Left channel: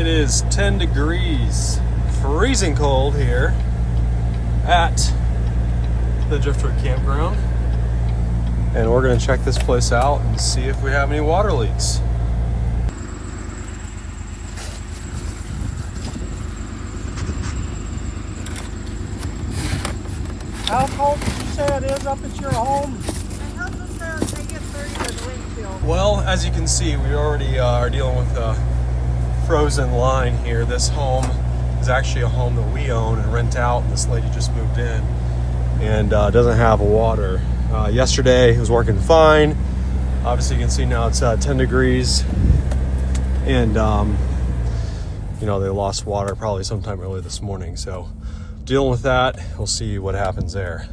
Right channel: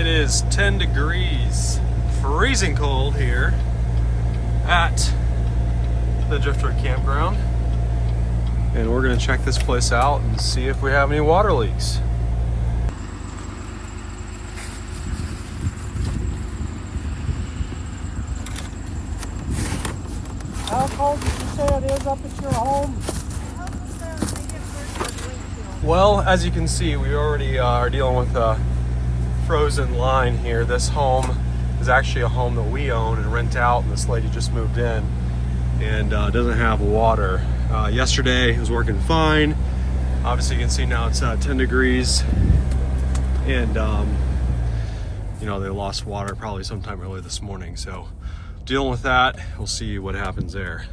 It is 10 degrees, freezing cold here at the Driftwood Campground. And we're gonna check this place out and see if we have any water leaks. How cold did you say it is up at your home? Well, as you can see, we already are dealing with a frozen line here. This home is actually a home that we own and rent out, and this lady just moved in and doesn't have water. Yesterday it was working fine. Obviously you can see now it's 10 degrees and you know, they lost water probably sometime early this morning. So dealing with that, we'll see what happens there.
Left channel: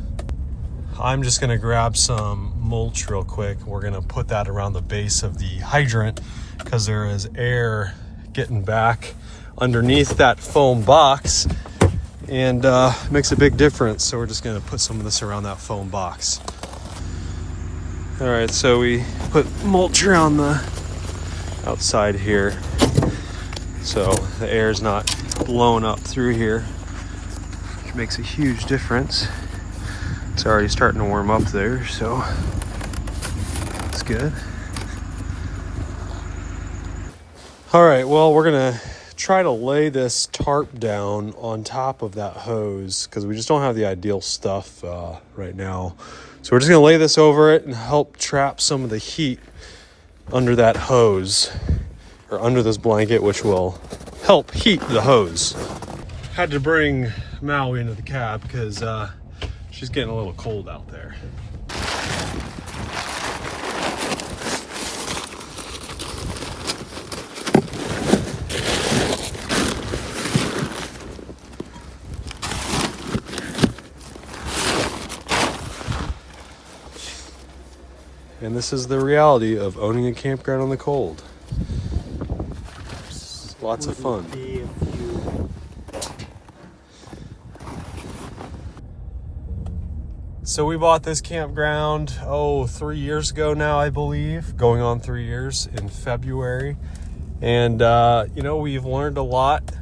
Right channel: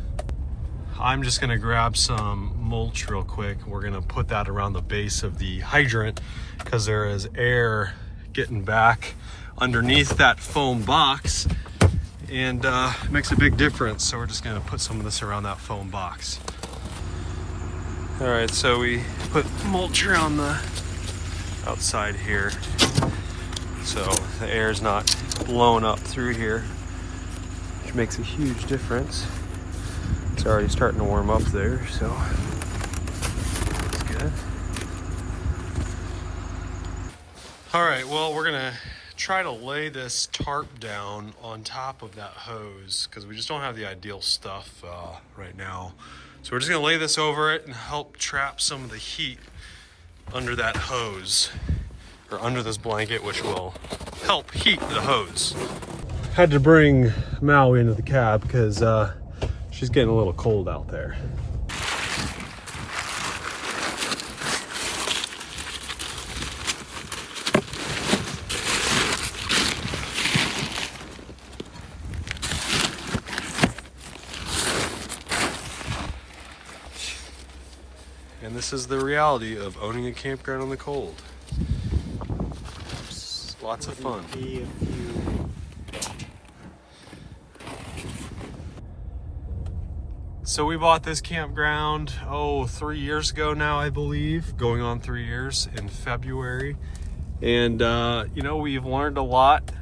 I'm just gonna grab some mulch real quick. We're gonna put that around the base of the hydrant because there is air getting back underneath that foam box and makes a big difference. So we're just gonna put some of this around that foam box. All right, so we put mulch around the outside here so the air is not blowing up through here, which makes a huge difference. It's already starting to warm up there, so it's good. All right, well, we're gonna try to lay this tarp down on top of that hose because we just don't have the ideal stuff right now. So we're just gonna lay this over it and help trap some of the heat under that hose or under this blanket, which will help heat the hose. Had to bring Maui into the cab because she's getting a little cold out there. And this is the reality of owning a campground on the cold. It's lots of fun. So we bought this campground, 3 years ago now, I believe, going on 3 years in February. And, you know, we've learned a lot.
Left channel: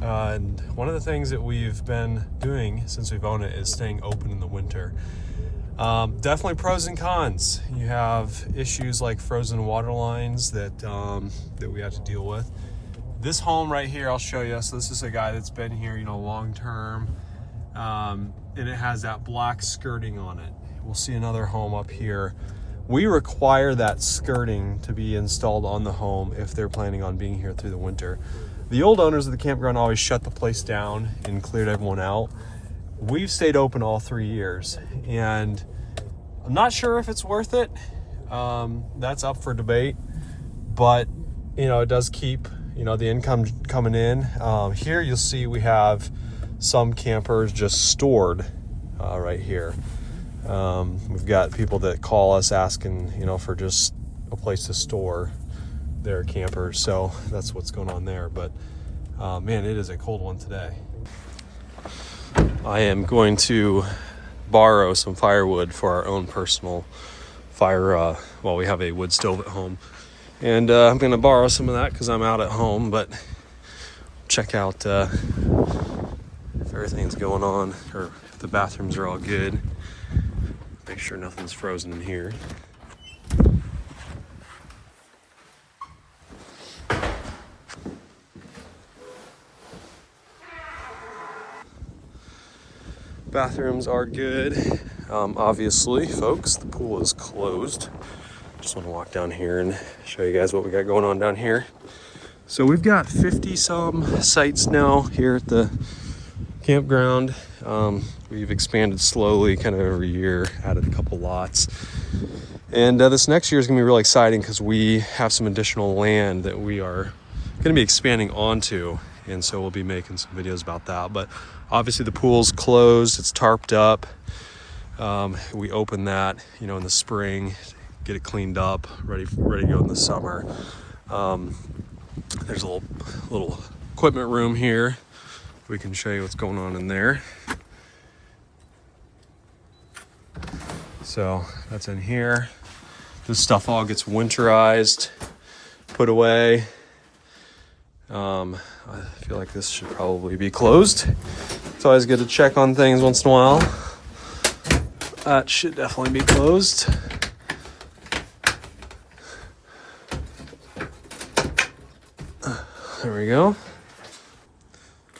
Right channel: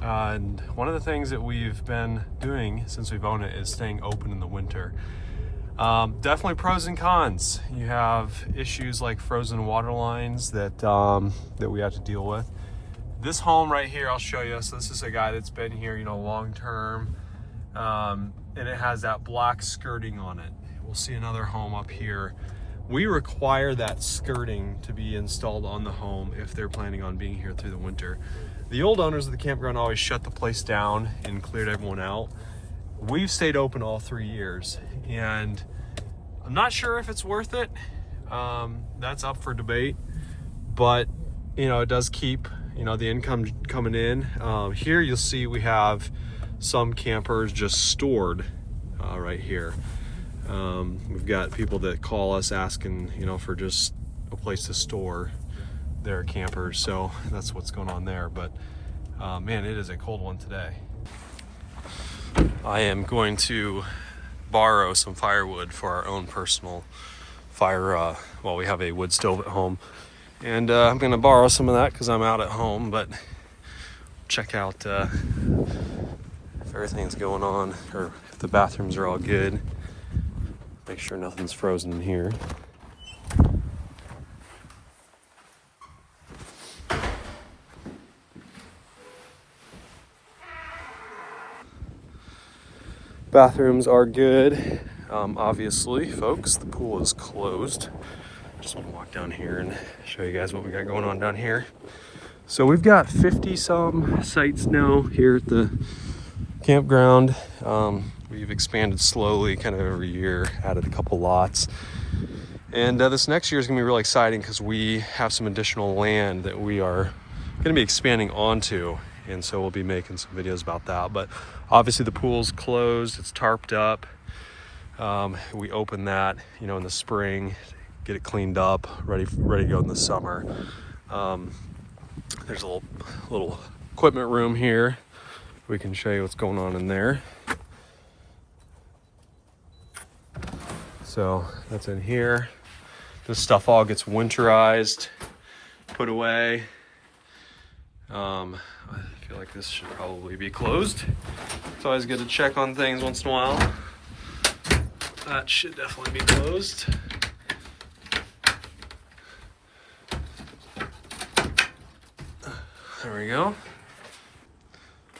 And one of the things that we've been doing since we've owned it is staying open in the winter. Definitely pros and cons. You have issues like frozen water lines that we have to deal with. This home right here, I'll show you. So this is a guy that's been here, you know, long term. And it has that black skirting on it. We'll see another home up here. We require that skirting to be installed on the home if they're planning on being here through the winter. The old owners of the campground always shut the place down and cleared everyone out. We've stayed open all 3 years, and I'm not sure if it's worth it. That's up for debate, but you know, it does keep, you know, the income coming in. Here you'll see we have some campers just stored right here. We've got people that call us asking, you know, for just a place to store their campers. So that's what's going on there. But man, it is a cold one today. I am going to borrow some firewood for our own personal fire while we have a wood stove at home. And I'm going to borrow some of that because I'm out at home, but check out if everything's going on or if the bathrooms are all good. Make sure nothing's frozen in here. Bathrooms are good. Obviously, folks, the pool is closed. Just want to walk down here and show you guys what we got going on down here. So we've got 50 some sites now here at the campground. We've expanded slowly kind of every year, added a couple lots. And this next year is gonna be really exciting because we have some additional land that we are gonna be expanding onto. And so we'll be making some videos about that. But obviously the pool's closed, it's tarped up. We open that, you know, in the spring, get it cleaned up, ready to go in the summer. There's a little equipment room here. We can show you what's going on in there. So that's in here. This stuff all gets winterized, put away. I feel like this should probably be closed. It's always good to check on things once in a while. That should definitely be closed. There we go.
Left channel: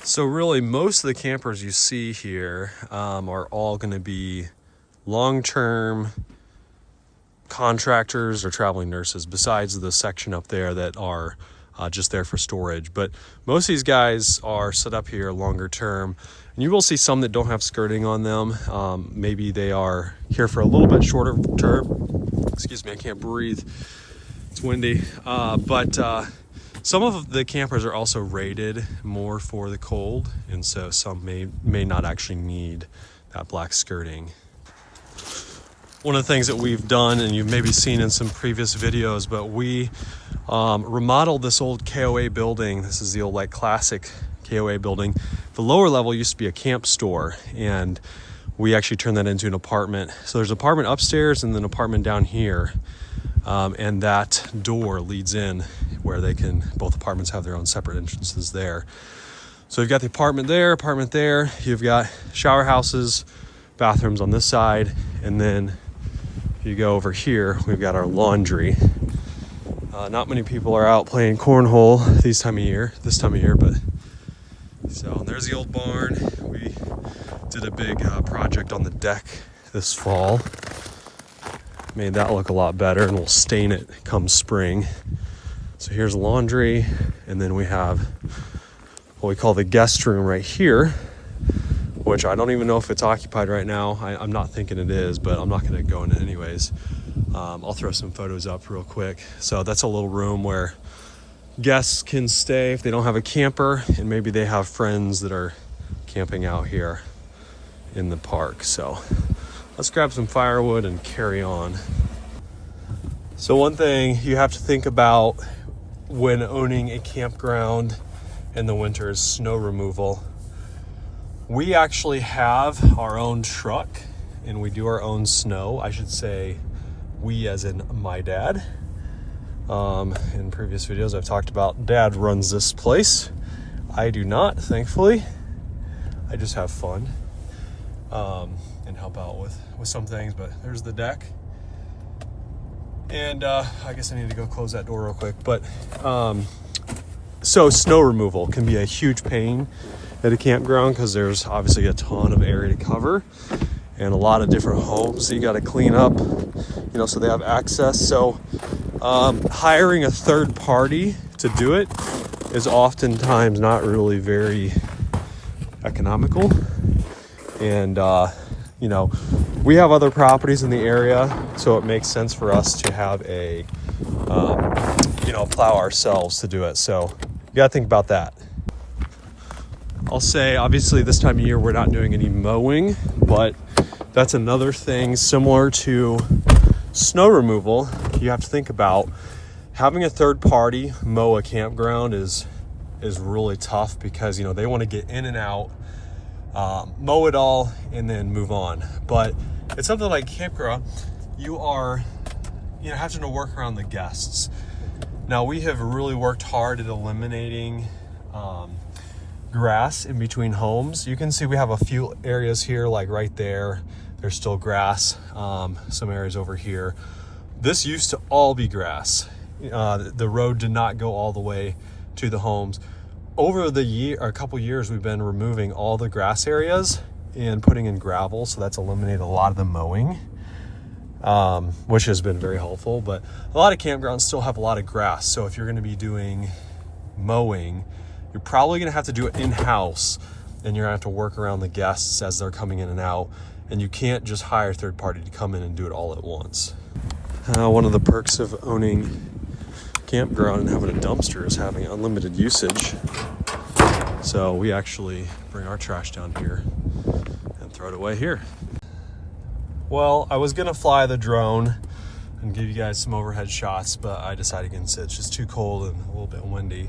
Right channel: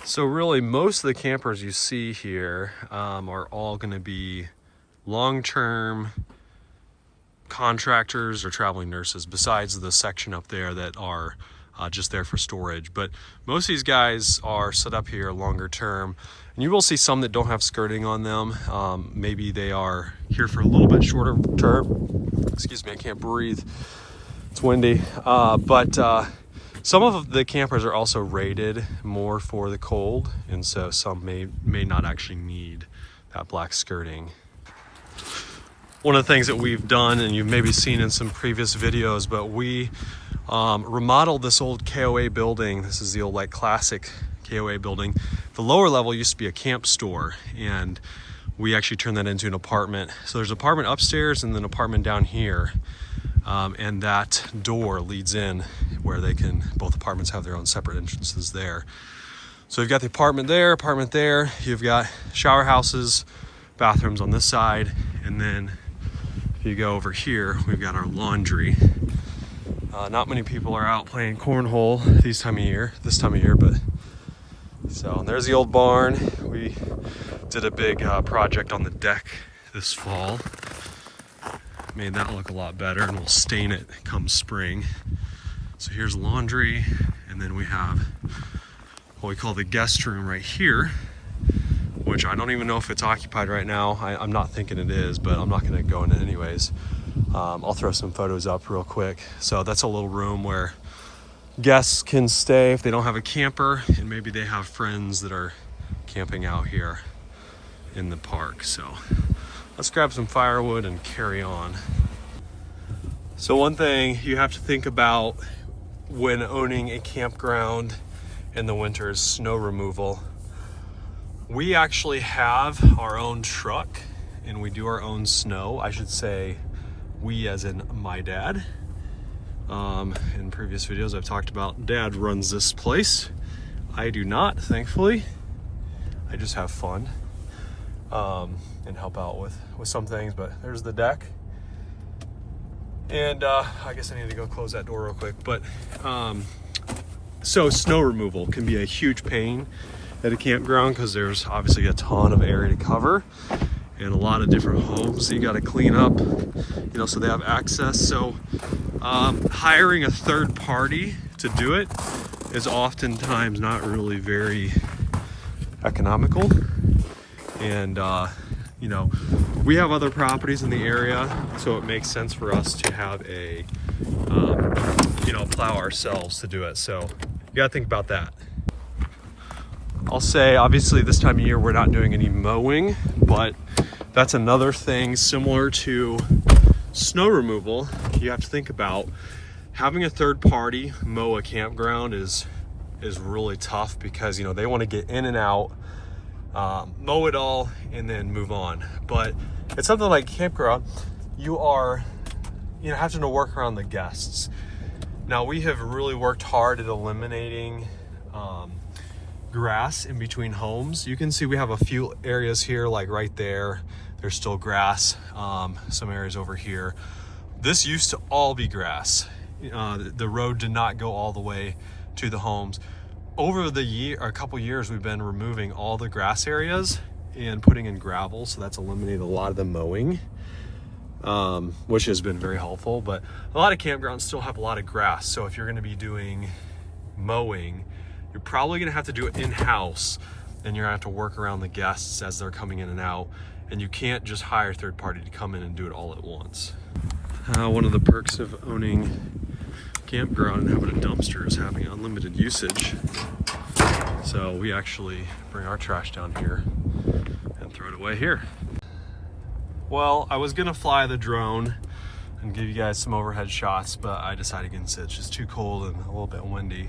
So really, most of the campers you see here are all going to be long-term contractors or traveling nurses, besides the section up there that are just there for storage. But most of these guys are set up here longer term, and you will see some that don't have skirting on them. Maybe they are here for a little bit shorter term. Excuse me, I can't breathe. It's windy. Some of the campers are also rated more for the cold, and so some may not actually need that black skirting. One of the things that we've done, and you've maybe seen in some previous videos, but we remodeled this old KOA building. This is the old like classic KOA building. The lower level used to be a camp store, and we actually turned that into an apartment. So there's an apartment upstairs and then an apartment down here. And that door leads in where both apartments have their own separate entrances there. So you've got the apartment there, you've got shower houses, bathrooms on this side, and then if you go over here, we've got our laundry. Not many people are out playing cornhole this time of year, but so there's the old barn. We did a big project on the deck this fall. Made that look a lot better, and we'll stain it come spring. So here's laundry, and then we have what we call the guest room right here, which I don't even know if it's occupied right now. I'm not thinking it is, but I'm not gonna go in it anyways. I'll throw some photos up real quick. So that's a little room where guests can stay if they don't have a camper, and maybe they have friends that are camping out here in the park. So let's grab some firewood and carry on. So one thing you have to think about when owning a campground in the winter is snow removal. We actually have our own truck and we do our own snow. I should say we as in my dad. In previous videos I've talked about dad runs this place. I do not, thankfully. I just have fun and help out with some things, but there's the deck. And I guess I need to go close that door real quick. But so snow removal can be a huge pain at a campground because there's obviously a ton of area to cover and a lot of different homes that you got to clean up, so they have access. So hiring a third party to do it is oftentimes not really very economical. And we have other properties in the area, so it makes sense for us to have a plow ourselves to do it. So you got to think about that. I'll say obviously this time of year we're not doing any mowing, but that's another thing similar to snow removal. You have to think about having a third party mow a campground is really tough because they want to get in and out, mow it all, and then move on. But it's something like campground, you are having to work around the guests. Now we have really worked hard at eliminating grass in between homes. You can see we have a few areas here, like right there, there's still grass. Some areas over here. This used to all be grass. The road did not go all the way to the homes. Over a couple years, we've been removing all the grass areas and putting in gravel, so that's eliminated a lot of the mowing, which has been very helpful. But a lot of campgrounds still have a lot of grass, so if you're going to be doing mowing, you're probably going to have to do it in-house, and you're going to have to work around the guests as they're coming in and out, and you can't just hire a third party to come in and do it all at once. One of the perks of owning campground and having a dumpster is having unlimited usage. So we actually bring our trash down here and throw it away here. Well, I was gonna fly the drone and give you guys some overhead shots, but I decided against it. It's just too cold and a little bit windy.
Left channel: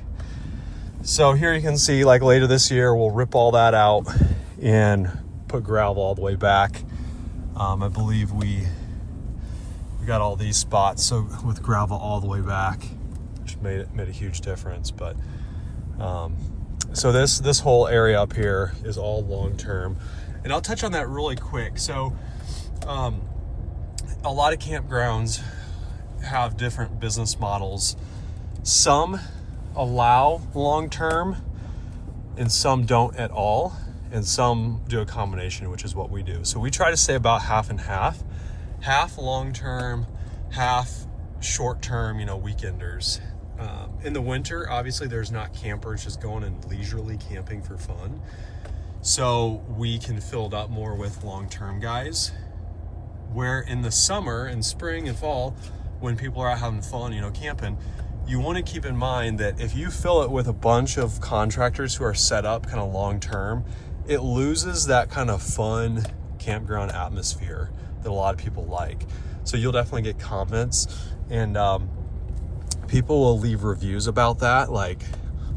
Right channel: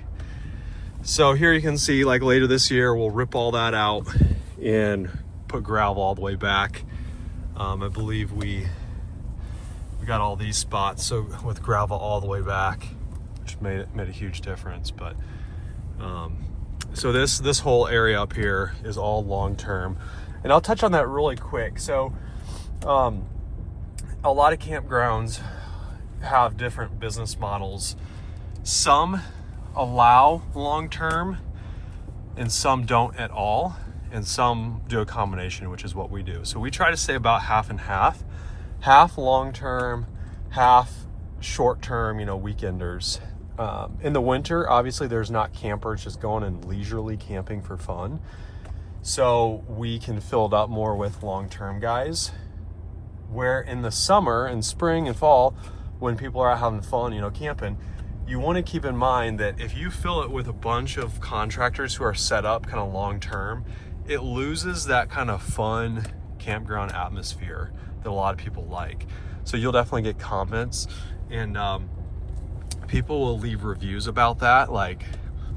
So here you can see, like later this year, we'll rip all that out and put gravel all the way back. I believe we got all these spots so with gravel all the way back, which made a huge difference. But So this whole area up here is all long-term, and I'll touch on that really quick. So a lot of campgrounds have different business models. Some allow long-term and some don't at all, and some do a combination, which is what we do. So we try to stay about half and half long-term, half short-term, weekenders. In the winter, obviously there's not campers just going and leisurely camping for fun. So we can fill it up more with long-term guys. Where in the summer and spring and fall, when people are out having fun, camping, you want to keep in mind that if you fill it with a bunch of contractors who are set up kind of long-term, it loses that kind of fun campground atmosphere that a lot of people like. So you'll definitely get comments, and people will leave reviews about that, like,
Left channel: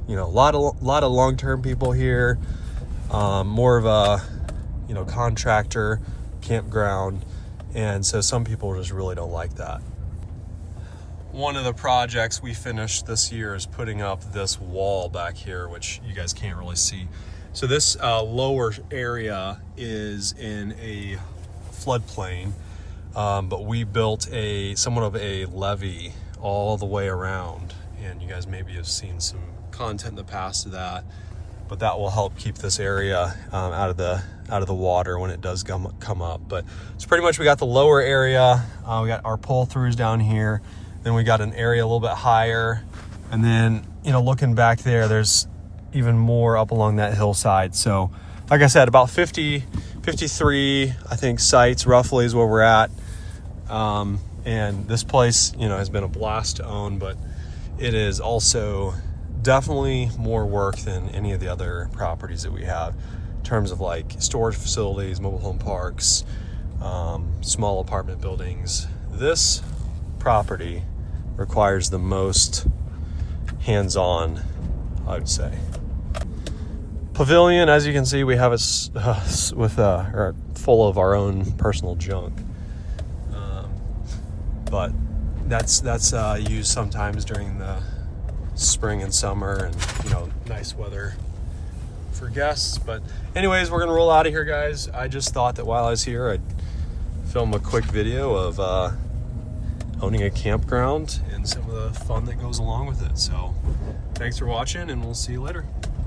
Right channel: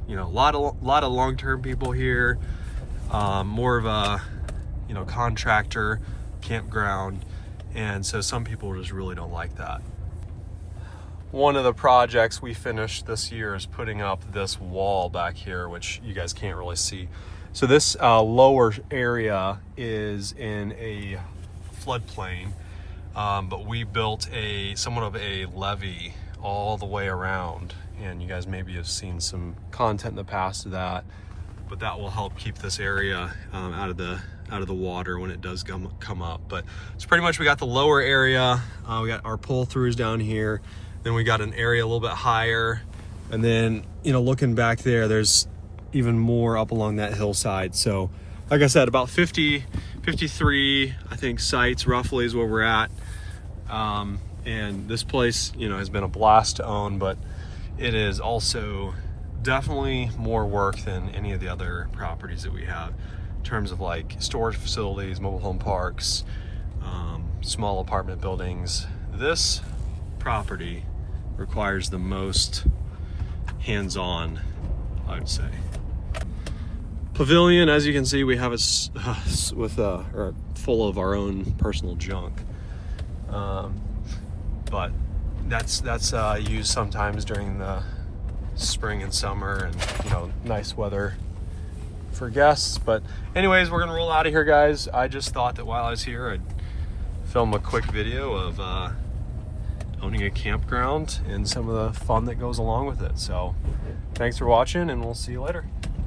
a lot of long-term people here, more of a contractor campground, and so some people just really don't like that. One of the projects we finished this year is putting up this wall back here, which you guys can't really see. So this lower area is in a floodplain, but we built somewhat of a levee all the way around, and you guys maybe have seen some content in the past of that, but that will help keep this area out of the water when it does come up. But it's pretty much, we got the lower area, we got our pull-throughs down here, then we got an area a little bit higher, and then looking back there's even more up along that hillside. So like I said, about 53 I think sites roughly is where we're at. And this place, has been a blast to own, but it is also definitely more work than any of the other properties that we have in terms of like storage facilities, mobile home parks, small apartment buildings. This property requires the most hands-on, I would say. Pavilion, as you can see, we have full of our own personal junk. But that's used sometimes during the spring and summer, and nice weather for guests. But anyways, we're gonna roll out of here, guys. I just thought that while I was here, I'd film a quick video of owning a campground and some of the fun that goes along with it. So thanks for watching, and we'll see you later.